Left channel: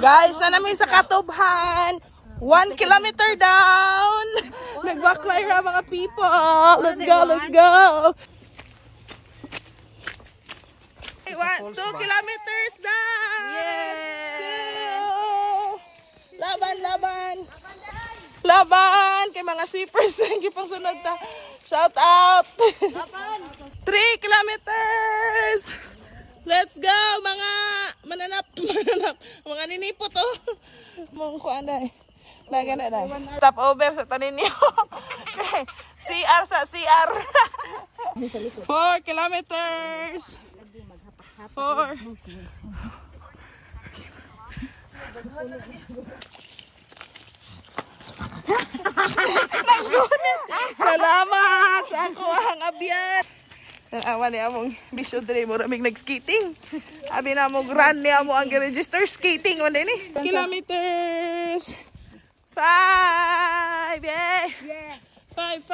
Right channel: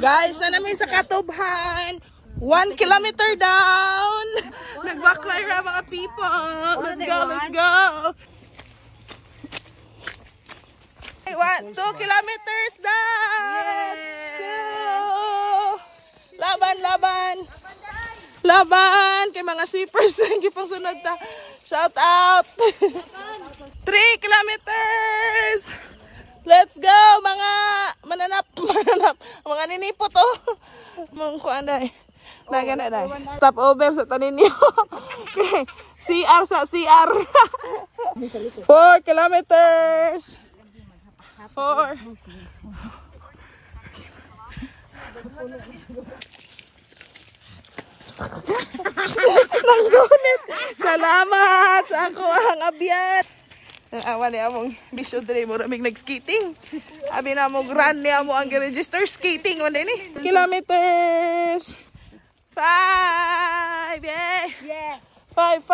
Guys, na namin sa Katubhan. 1 kilometer down. Nag-backline na mga people. Let's go, let's go. 2 kilometers down. 2. Laban, laban. Laban. Kay mga shippers. Hindi pang sunod na. Shout out. 3 kilometers. Let's go, mga mananap. Mga ninipot to. Mga kuanday. Nagana na. Stop over sa tanin niyo. CR sa CR. 4 kilometers. 4. Salamat sa ako ang abiyat. Awan niya mong bisyo dre mo ramig nag-skating. Abi na mo run niya mo ang register skating mo din eh. Kilometers. 5. Yeah. 5.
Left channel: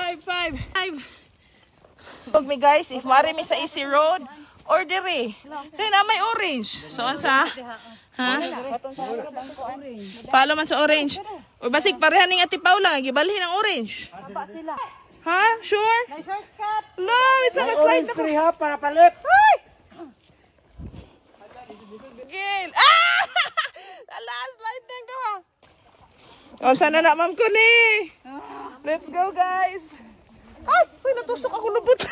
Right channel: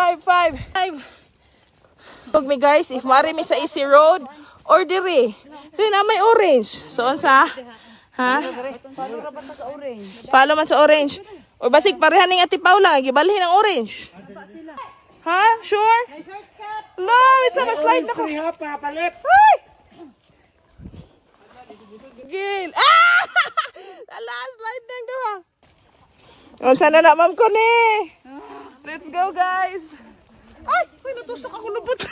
Pag me guys, if mari mi sa easy road or dire. Dire na may orange. So sa ha? Palo man sa orange. O basig parehan ning Ati Paula gibalhin ang orange. Ha? Sure? No, it's a slide na ko. Para palip. Ay! Gil. Ah! Ala, slide na doon. Unsa na na ma'am ko ni? Let's go guys. Ay, uy, natusok ako lubot.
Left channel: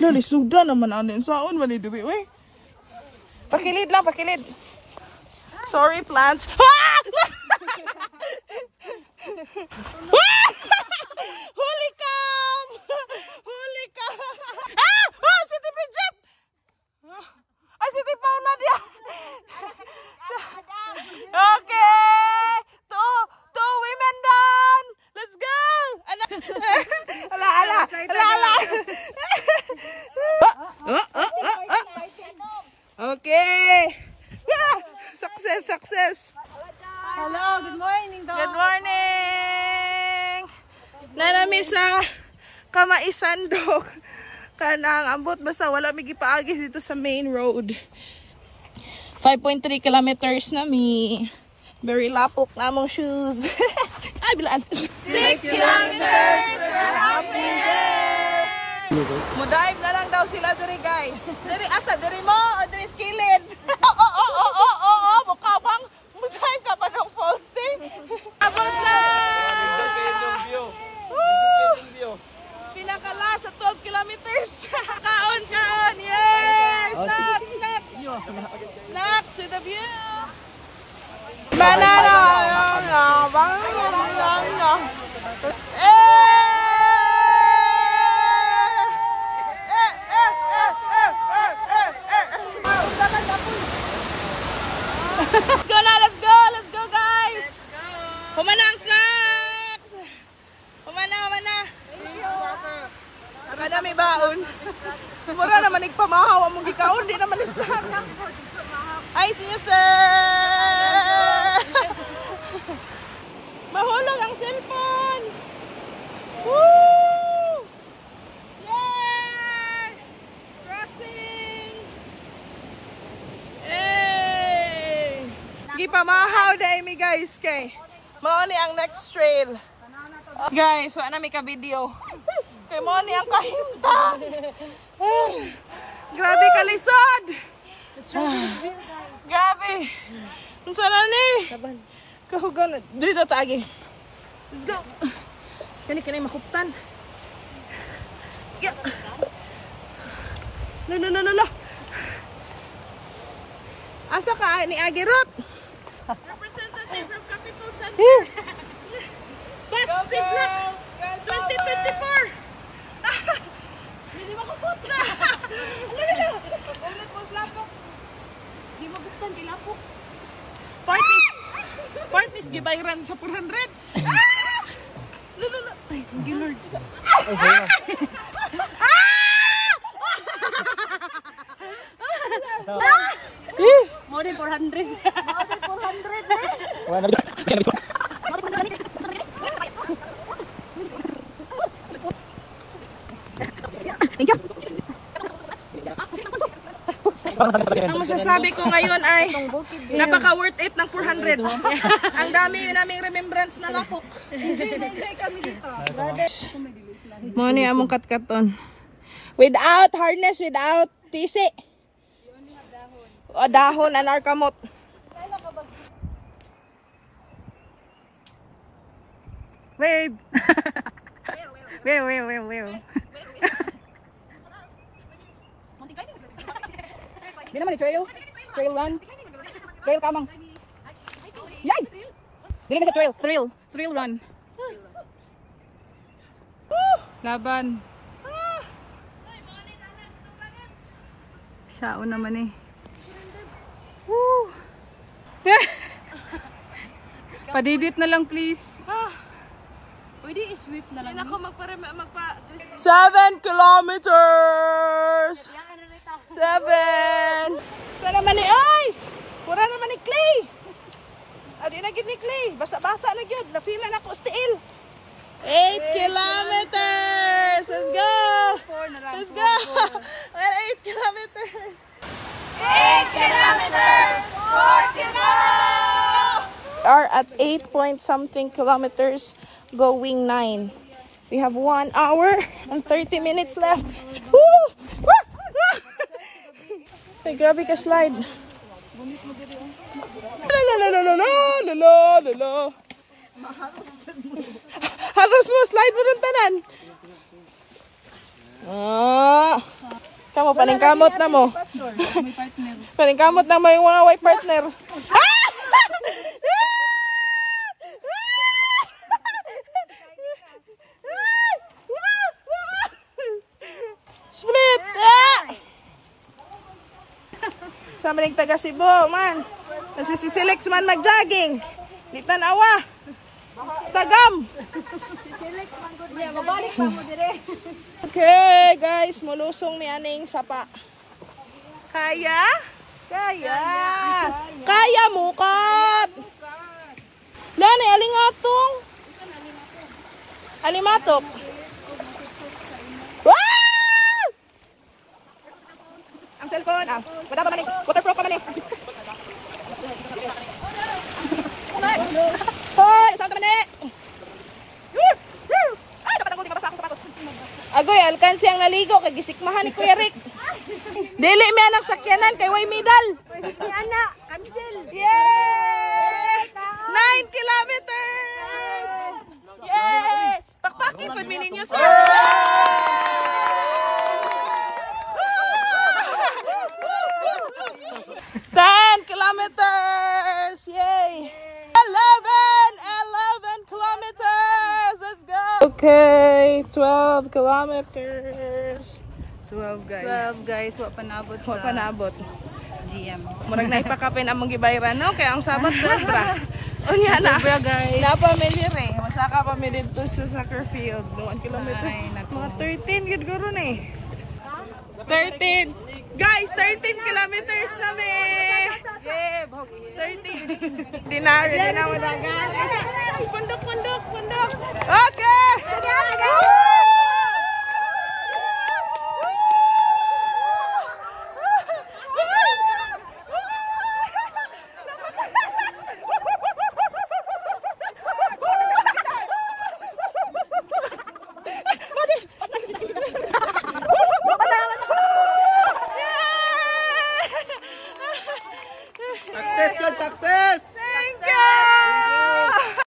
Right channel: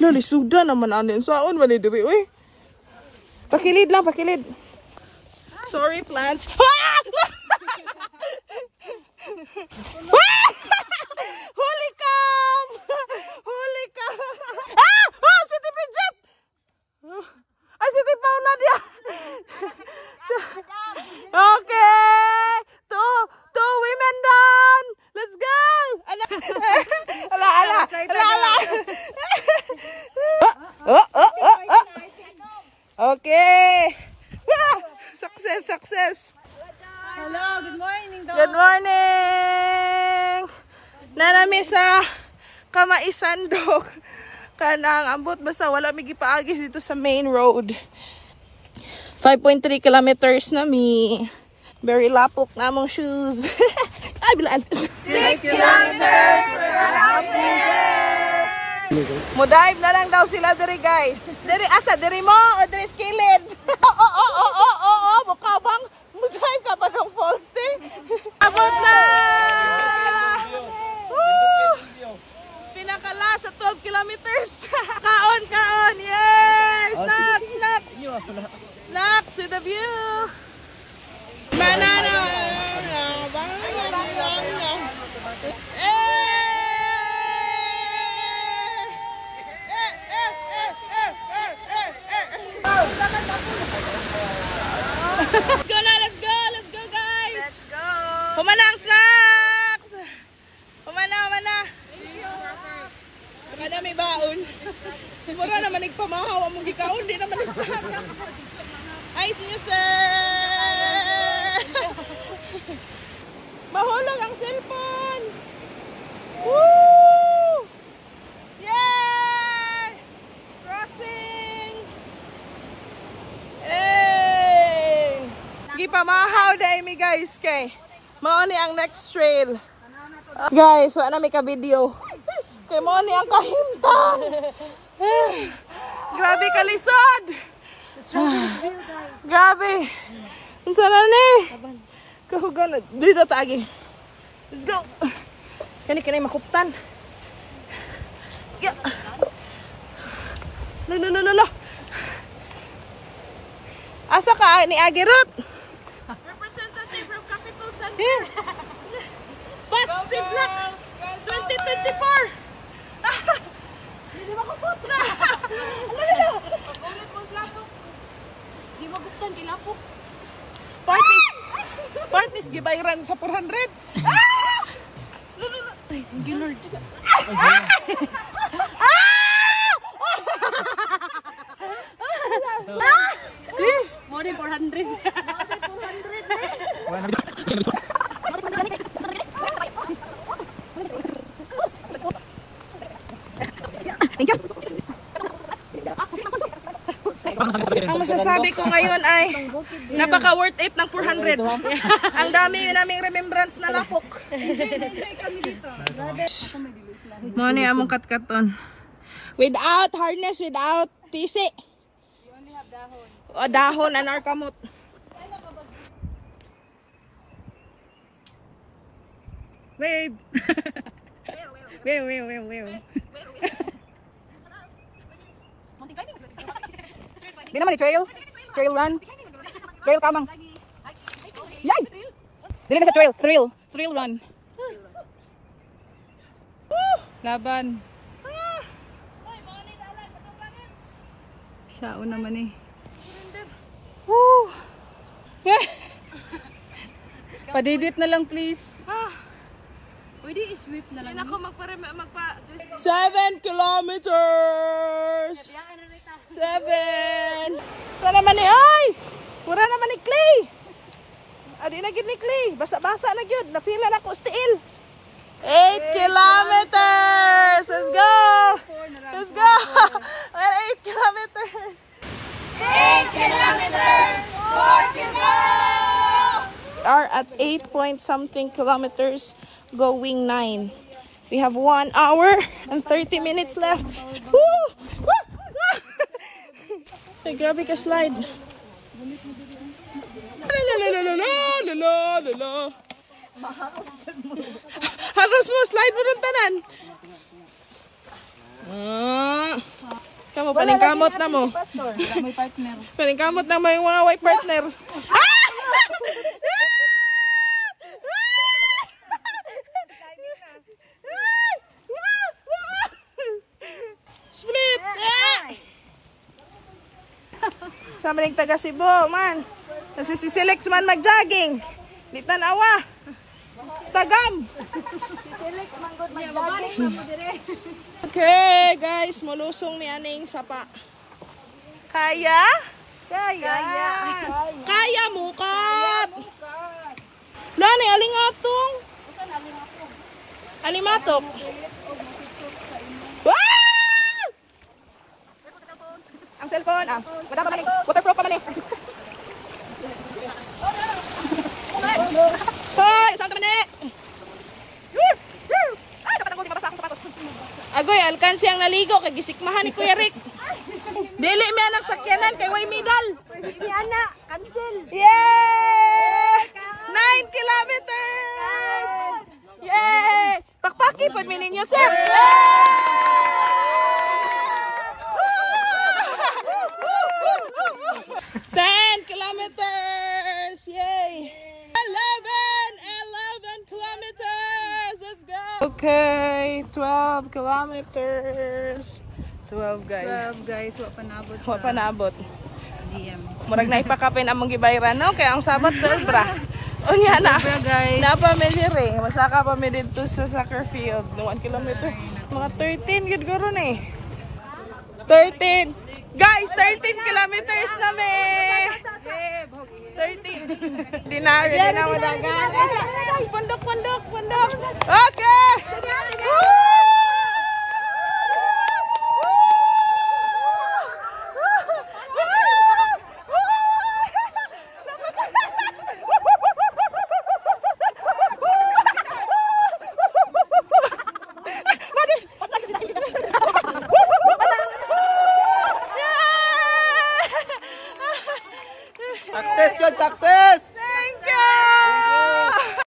Luli, suda naman anin. Saan ba ni diri? Uy. Pakilid lang, pakilid. Sorry, plants. Holy cow! Holy cow! Ah! Oh, City Bridget! Ay, City Paula dia. Okay! Two women down! Let's go! Ala! Okay! Success! Hello, good morning. Good morning! Nanami sa Kamaisan dok. Kanang ambot basta wala may gipaagis dito sa main road. 5.3 kilometers na mi. Very lapok na mong shoes. Ay, bilaan. 6 kilometers! Mo-dive na lang daw sila diri guys. Diri asa, diri mo o diri skillet? Mukhabang mo-dive ka pa ng falls day. Abot na! Pinakala sa 12 kilometers. Kaon! Yay! Snacks to the view! Banana! Let's go guys! Humana ang snacks! Humana! Ada may baon. Mura naman nagpamahaw among gikaon, di naman snacks. Ayos niyo, sir! Mahulog ang cellphone! Woo! Yay! Crossing! Hey! Gipamahaw dahil mi guys kay. Mao ni ang next trail. Guys, wala na may ka-video. Kay mo ni ang kahimtang. Grabe kalisod. Grabe. Unsa na ni? Kahugan. Dito taagi. Let's go. Kani makuptan. Yeah. No. Asa ka ni Agirut? Representative from Capital Center. Batch Siblak 2024. Hindi makupot na. Ulit mo lapok. Hindi maguptan, kilapok. Partners gibayran sa 400. Ay, Gilord. More than 400. Thank you. Ang masasabi ko ngayon ay napaka worth it ng 400. Ang dami naming remembrance na lapok. Muni among katkaton. Without harness, without PC. O dahon and arkamot. Wave. Wave. Di naman ni trail. Trail run. Trail kamang. Yay! Dili na sa trail. Trail run. Laban. Siya naman eh. Woo! Padidit na lang please. Pwede i-sweep na lang. Ako 7 kilometers! 7! Saan naman ni ay? Pura naman ni Clay! Adi na gid ni Clay. Basa-basa na gyud. Napila na ko stiil. 8 kilometers! Let's go! Let's go! 8 kilometers! 8 kilometers! 4 to go! Are at 8 point something kilometers, going 9. We have 1 hour and 30 minutes left. Woo! Ay, grabe ka slide. Halos mo slide mo rin tanan. Kamu paningkamot na mo. Paningkamot na mo yung mga white partner. Split! Sa maning taga Cebu, man. Nasisisilex man mag-jogging. Di tanawa. Tagam. Sisilex man good mag-jogging. Mabalik pa mo dire. Okay, guys. Mulusong ni aning sapa. Kaya? Kaya mukat. Lani, alingatong. Alimatok. Ang cellphone, wala pa man eh. Waterproof pa man eh. Hoy, saan ka man eh? Ay, dapat ang gulti, mabasa akong sapatos. Agoy, alkansi ang naligo, kay gisikmahan ni Kuya Rick. Dili mi anak sakyanan, kay way medal. Ni ana, cancel. Yay! 9 kilometers! Yay! Pakpaki, pag ninyo, sir. 10 kilometers! Yay! 11 kilometers! Let's go! Okay, 12 kilometers. 12 guys. 12 guys, wa panabot Wa pa naabot. GM. Murag na ipakapin among gibayran no kaya ang sabat bra. Unya na. Sobra guys. Na familiar eh. Masaka pa mi dito sa soccer field. 1 kilometer. Mga 13 gud guro ni. 13. Guys, 13 kilometers na me. 13. Di na madagan. Pundok.